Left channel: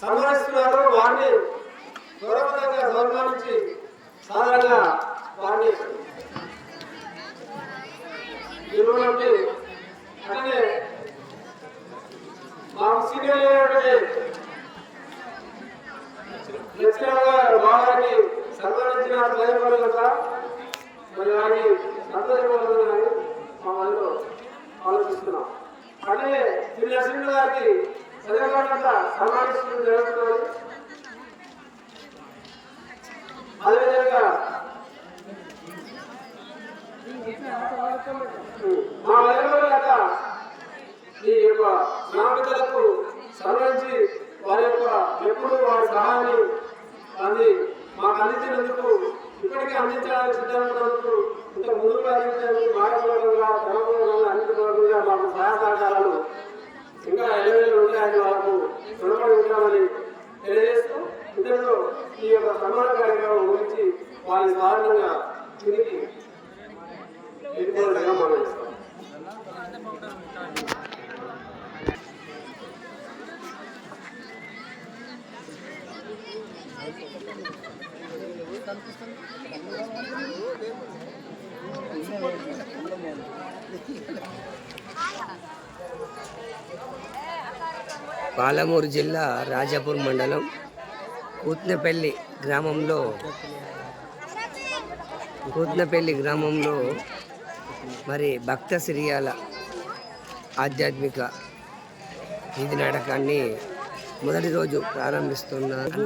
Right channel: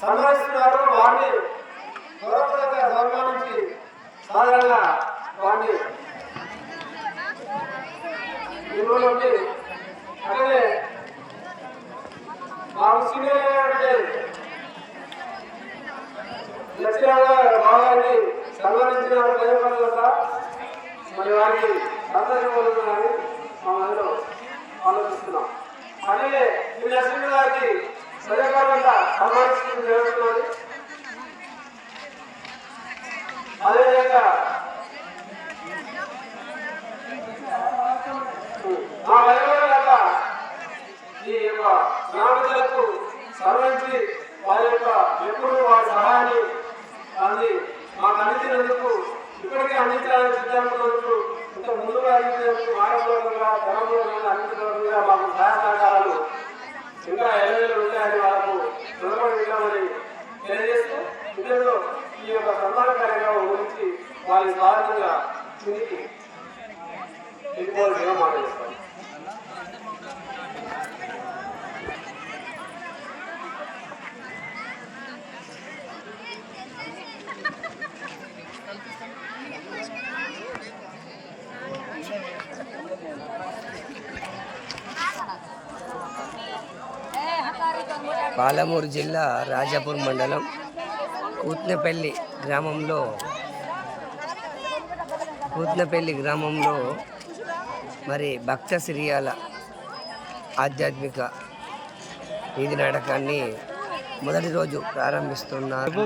సన్మానిస్తున్నారు. వారిని గౌరవంగా సన్మానించి సాధారణంగా వారిని ఇవ్వడానికి అట్లనే మాకు సీనియర్ లక్ష్మీరావు గారిని సన్మానించిన మరి వారికి సంతోషపడుతున్నారని అందరూ ఆలోచిస్తున్నాం. అట్లనే ఈ నరసింహ గారికి సరిగ్గా సన్మానించడం జరుగుతున్నది. అదేవిధంగా మా వైద్యుల ఈ యొక్క గ్రామీణులకు సవరించి వారి యొక్క వ్యక్తులు వారి సహాయాన్ని మాకు అందించినందుకు, ఇప్పటికీ అందించాలని సిద్ధమైనందుకు, ఇంత ముందుకు అందించినందుకు మహాబలంగా అందించినందుకు మాకు సహాయ సహకారాలు ఇంకా ఎల్లవేళ ఉంటాయని వాళ్ళకు రుణపడి ఉంటామని తెలియజేస్తూ ఇద్దరు ఈ యొక్క సన్మాన కార్యక్రమం గురించి వారి సాధారణంగా తిరిగి ఎక్కువ నిర్మాణిస్తారు. పాలమూరు జిల్లా రాజాపూర్ మండలం కూత్నపల్లి గ్రామంలో మరి భక్త సిరియాల ఆధ్యాత్మిక వీధి నాటకాన్ని మొదటి రోజు ప్రారంభిస్తున్నారు.